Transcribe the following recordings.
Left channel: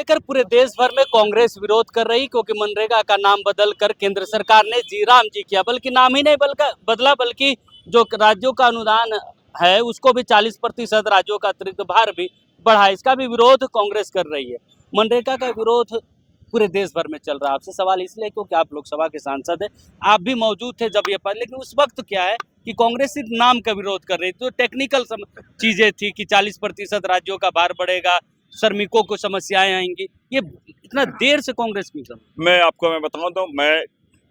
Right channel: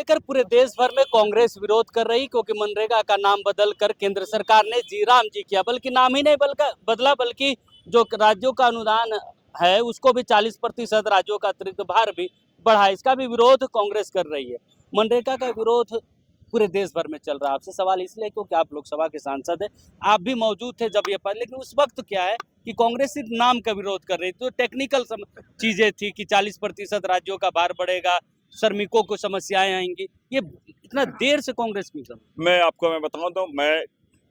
लेकर पूरे देश भर में कांग्रेस विरोध कर रही, क्योंकि मनरेगा का नाम बदल कर केंद्र सरकार ने जी राम जी किया। बल्कि नाम ही नहीं बदला, बल्कि जो राज्यों का अनुदान है उसको भी 40% राज्यों का अतिरिक्त भार भी बढ़ा। इसका भी विरोध कांग्रेस कर रही है। मनरेगा का विरोध पूरे देश भर में चल रहा है। आपसे सवाल इसलिए क्योंकि आप लोकसभा के सांसद हैं, आप भी मौजूद थे जब ये पर, लेकिन उस वक्त क्या है कि कांग्रेस सिर्फ नाम का विरोध कर रही थी। तो टेक्निकल चीजें थी कि 40% राज्यों का भार बढ़ेगा, श्रमिकों को समस्याएं आएंगी। ये इतना देर से कांग्रेस क्यों कर? मैं बताऊं तो मैं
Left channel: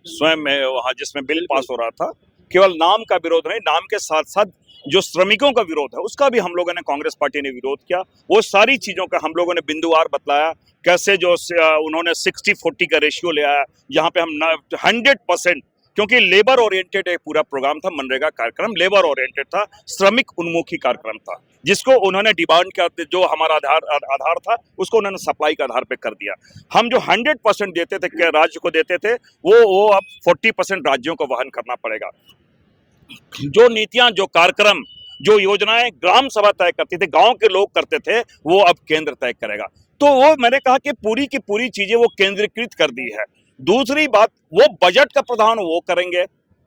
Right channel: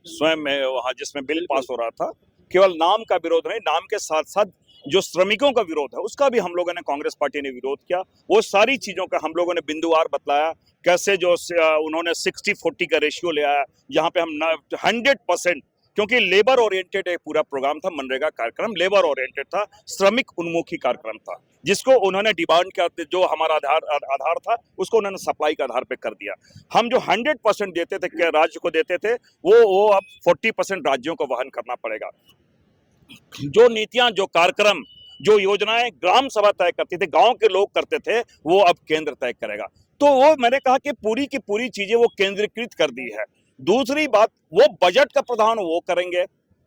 स्वयं में वहाँ जिसमें बिल पास हो रहा था, केवल नाम का विरोध नहीं, नाम के साथ साथ जो श्रमिकों का विरोध है उसका भी हम लोगों ने, कांग्रेस पार्टी ने विरोध किया। वो सारी चीजों का हम लोगों ने बिंदुवार बतलाया, कैसे जो उन्होंने 60-40 का रेशियो ले आया, जहाँ पे हम 100%, क्योंकि लेबर ओरिएंटेड एक पूरा प्रोग्राम था, मनरेगा कार्यक्रम लेबर ओरिएंटेड था, श्रमिक उन्मुखी कार्यक्रम था, जिसको उन्होंने डिमांड का जो हमारा आधार था उसको उन्होंने सप्लाई के आधार पे कर दिया। हम जो 100% देते थे, राज्य को देते थे, वो अब 40% राज्यों को वहन करना पड़ेगा। जो नीतियां, जो कार्यक्रम, जो योजनाएं ग्राम सभा तय करती थी, गांव के लोग करते थे, वो अब केंद्र तय करेगा। तो वो मैंने कहा कि पूरी की पूरी चीजें वो केंद्रीकृत कर दी है। दूसरी बात, वो बजट का प्रावधान वो करेंगे।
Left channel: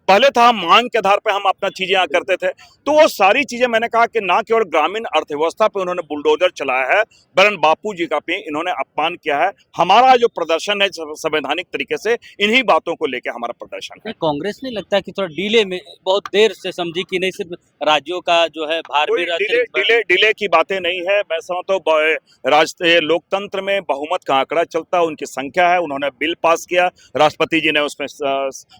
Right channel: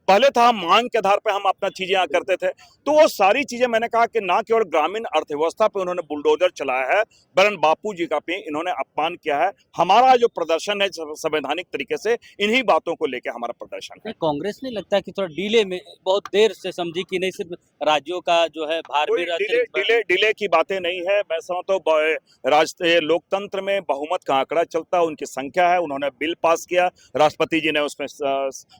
पहले था हम मांग के आधार पे हम अपना चीजें करते थे, तो वो सारी चीजें मैंने कहा कि ना केवल ग्रामीण अर्थव्यवस्था पे उन्होंने बुलडोजर चलाया है, वरन बापू जी का भी इन्होंने अपमान किया है। हमारा जो प्रदर्शन है संवैधानिक तरीके से, इन्हीं बातों को लेकर हमारा प्रदर्शन है। कांग्रेस नहीं लगता है कि थोड़ा डिले में, बहुत देर से समझी कि नहीं सिर्फ राज्यों का जो है भार भी डिले की बातें नहीं है। मैं समझता हूँ राष्ट्रीय लोकतंत्र में बहुमत का आंकड़ा चलता है, उनकी संख्या है, उन्होंने बिल पास किया, राष्ट्रपति जी ने उसमें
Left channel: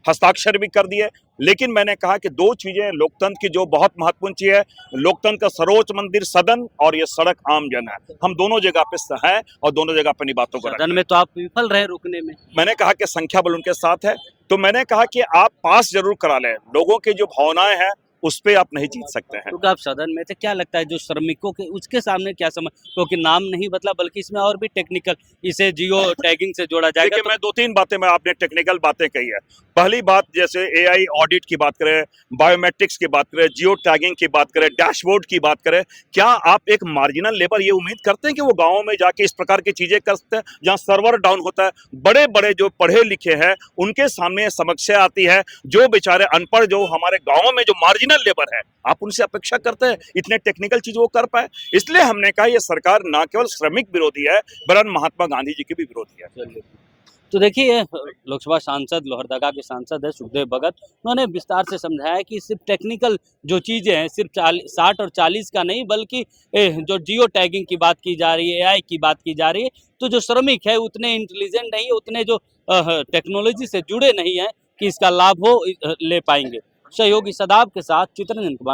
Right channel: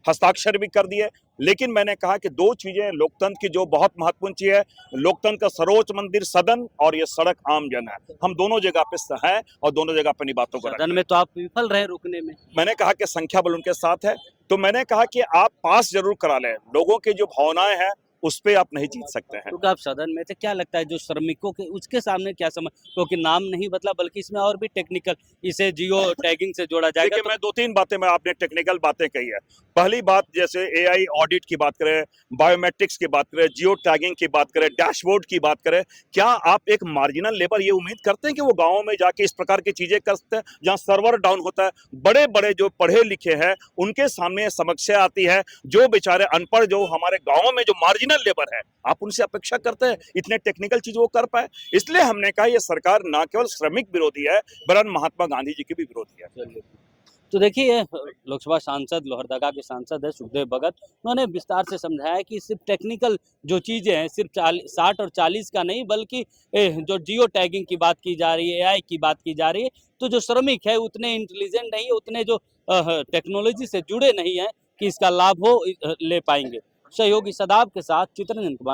हस्ताक्षर भी कर दिए। लेकिन मैंने कहा कि दो चीजें लोकतंत्र की जो बहुत महत्वपूर्ण चीज है, लोकतंत्र का सर्वोच्च मंदिर सदन और ये सड़क आम जन है। हम दोनों जगह पे हैं और दोनों जगह पे बातों को सदन में तो आप विफल रहे रुकने में। मैंने कहा कि संख्या बल उनके साथ है, तो मैंने कहा कि आप पास जरूर करा लें। लोगों की जो भावनाएं हैं उस पे आप नहीं जीत सकते हैं। क्योंकि आप सदन में थे, क्या लगता है जो श्रमिकों के उसके सामने क्या समझ, क्योंकि नाम नहीं बदला बल्कि इसमें और भी टेक्निकल, इसे जियो टैगिंग से जोड़ा जाएगा। देखिए, मैं 2-3 बातें, मैं आपने टेक्निकल बातें कही है। पहली बात, जैसे एआई ऑडिट की बात करें, बायोमेट्रिक्स की बात करें, जियो टैगिंग की बात करें, डैशबोर्ड की बात करें, क्या आप एक मार्जिनल लेबर ये उम्मीद करते हैं कि वो गाँव में जाके इस प्रकार की चीजें कर सकते हैं, जहाँ सर्वर डाउन होता है? बड़े बड़े जो पढ़े लिखे हैं उनके सामने समस्या आती है। जो बेचारे अनपढ़, जो हमारे गाँव में जो मार्जिनल लेबर है, आप उनसे अपेक्षा करते हैं इतने टेक्निकल चीज वो कर पाए? इसलिए हमने कहा ये सरकार ना केवल श्रमिक विरोधी है, वरन महात्मा गांधी जी की भी विरोधी है। तो देखिए, लोकसभा सांसद, लोहरदगा के सांसद है सुखदेव भगत, उन्होंने विस्तार से समझाया कि सिर्फ टेक्निकल जो चीजें हैं, सिर्फ 60 और 40 का नहीं, बल्कि जो जियो टैगिंग की बात की जा रही है, एआई की बात की जा रही है, तो जो श्रमिक है उतने इंटेलिजेंट नहीं, उतने जो टेक्नोलॉजी से जुड़े नहीं है कि इसका लाभ हो ले पाएंगे। सहयोगी सदाब के साथ चित्रंजन कुमार।